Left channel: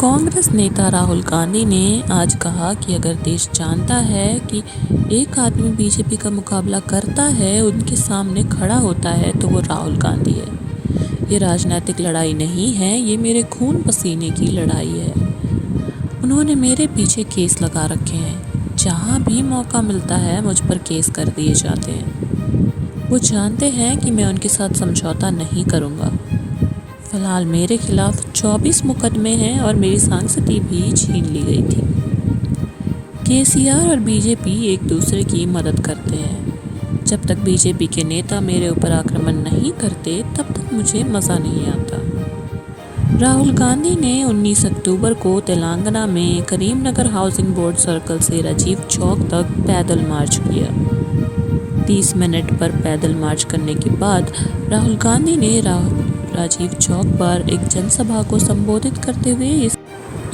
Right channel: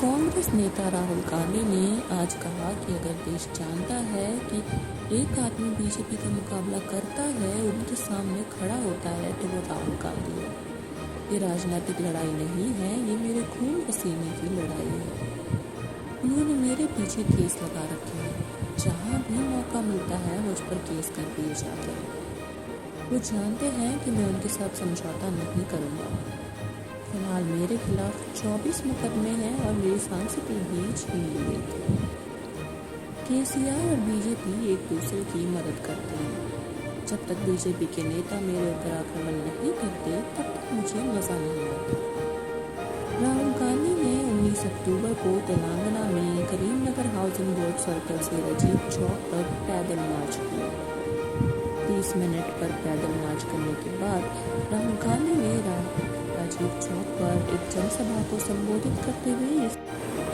कांग्रेस नेता राहुल गांधी ने आज कहा कि अगर देश जानता है कि एक आदमी बीजेपी का मुकाबला करता है, उनके सामने खड़ा होता है, तो वो राहुल गांधी है। ये राजनीतिक लड़ाई नहीं है, ये मेरे खून पसीने की लड़ाई है। उन्होंने मेरे पीछे केस लगा रखे हैं। जहाँ भी मौका मिलता है मुझ पर केस कर दिए जाते हैं। वो जानते हैं कि मैं उनके साथ समझौता नहीं करूँगा। फिलहाल मेरे खिलाफ 24 मुकदमे हैं और मेरी सांसदी भी छीन ली गई थी। केसीआर और बीजेपी एक दूसरे की मदद करते हैं। जब तक बीजेपी के नेता मेरे ऊपर आक्रमण नहीं करते, तब तक मुझे मज़ा नहीं आता। राहुल गांधी ने 19 अक्टूबर को तेलंगाना में करीमनगर हाउसिंग बोर्ड सर्कल से राजीव चौक तक पैदल मार्च किया। 30 मिनट पर पैदल मार्च करने के बाद राहुल गांधी ने राजीव चौक पर एक जनसभा को संबोधित करते हुए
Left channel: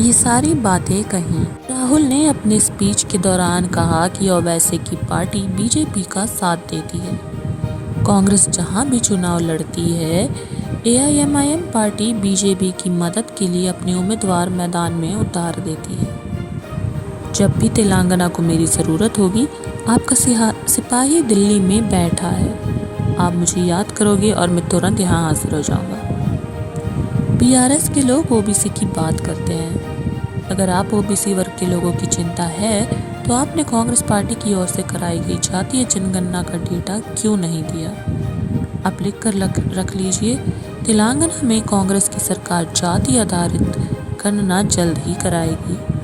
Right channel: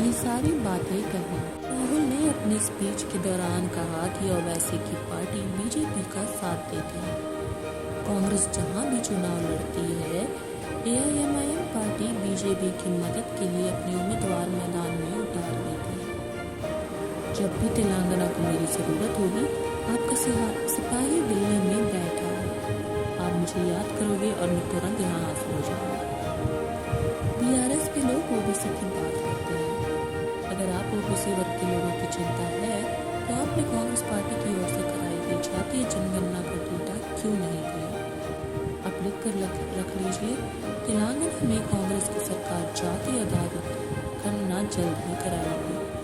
ये सारी बातें कही। राहुल ने अपने स्पीच के दौरान कहा कि ओवैसी की पार्टी बीजेपी का साथ देती है। कांग्रेस जहां भी चुनाव लड़ती है, एआईएमआईएम पार्टी बीजेपी की मदद के लिए अपने उम्मीदवार मैदान में उतार देती है। जब भी तेलंगाना को मेरी ज़रूरत होगी, आपका सिपाही दिल्ली में बैठा है। आप मुझे याद करोगे और मैं तुरंत यहाँ हाजिर हो जाऊँगा। बीआरएस के लोग ओबीसी की बात करते हैं। अगर आप ओबीसी वर्ग के लोगों की चिंता है, तो आपने कांग्रेस पार्टी की ओर से कराई गई जातीय जनगणना का डेटा क्यों नहीं दिया? आप लिख कर रख लीजिए, तेलंगाना में कांग्रेस की सरकार जाति आधारित गणना जल्द ही कराएगी।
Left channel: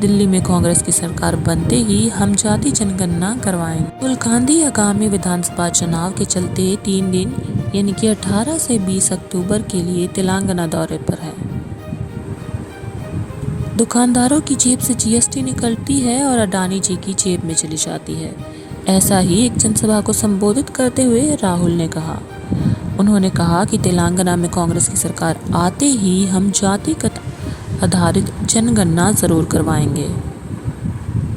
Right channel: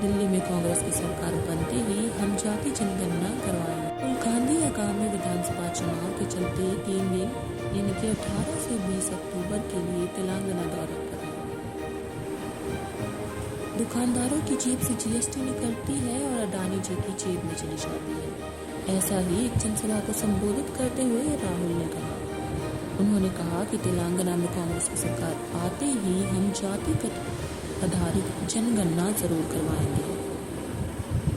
दिल्ली में कांग्रेस की सरकार बनते ही हम जाति जनगणना करवाएंगे। राहुल गांधी आगामी विधानसभा चुनाव के चलते 3 दिन यानी कि 18 से 20 अक्टूबर के लिए तेलंगाना दौरे पर हैं। दुकानदारों की जेब से जीएसटी निकलती है और अडानी जी की जेब में चली जाती है। ऐसा ही एक जनसभा को संबोधित करते हुए राहुल ने कहा। उन्होंने कहा कि तेलंगाना में कांग्रेस की सरकार आते ही हम जातिगत आधारित जनगणना ज़रूर करवाएंगे।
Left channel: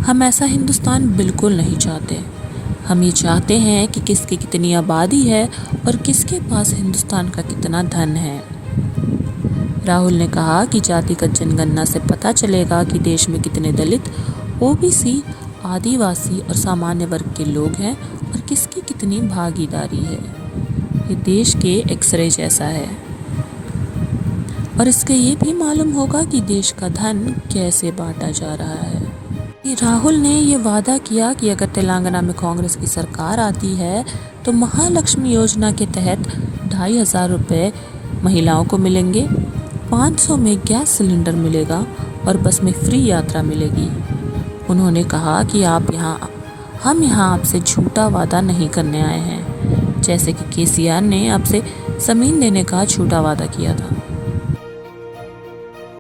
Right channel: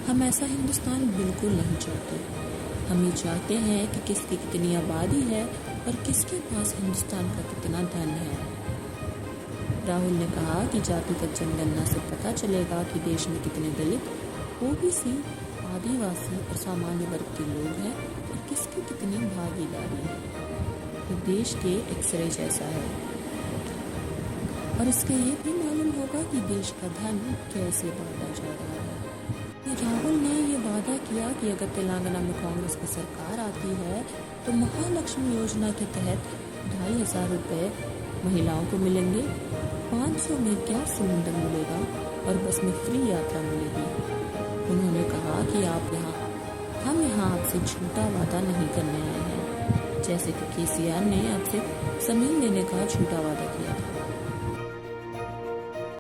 हम ऐसा हिंदुस्तान बिल्कुल नहीं चाहते। हम ये चाहते हैं कि किसकी कितनी आबादी है और किसके पास हिंदुस्तान का कितना धन है। राहुल ने कहा कि जातिगत जनगणना से पता चलेगा कि देश में कितने दलित, ओबीसी, आदिवासी और सामान्य वर्ग के लोग हैं और किसकी कितनी भागीदारी है। ये देश के एक्सरे जैसा है और इसके ये भी मालूम होगा कि देश का धन कैसे बांटा जा रहा है। राहुल ने ये वादा किया कि अगर तेलंगाना में कांग्रेस की सरकार आती है, तो महालक्ष्मी योजना के तहत 2,500 रुपये महिलाओं को मिलेंगे, 500 में गैस सिलेंडर मिलेगा और बस में फ्री यात्रा मिलेगी। उन्होंने कहा कि हम यहाँ आपसे झूठा वादा नहीं करने आए हैं, जैसे कि केसीआर ने आपसे ज़मीन देने का झूठा वादा किया था।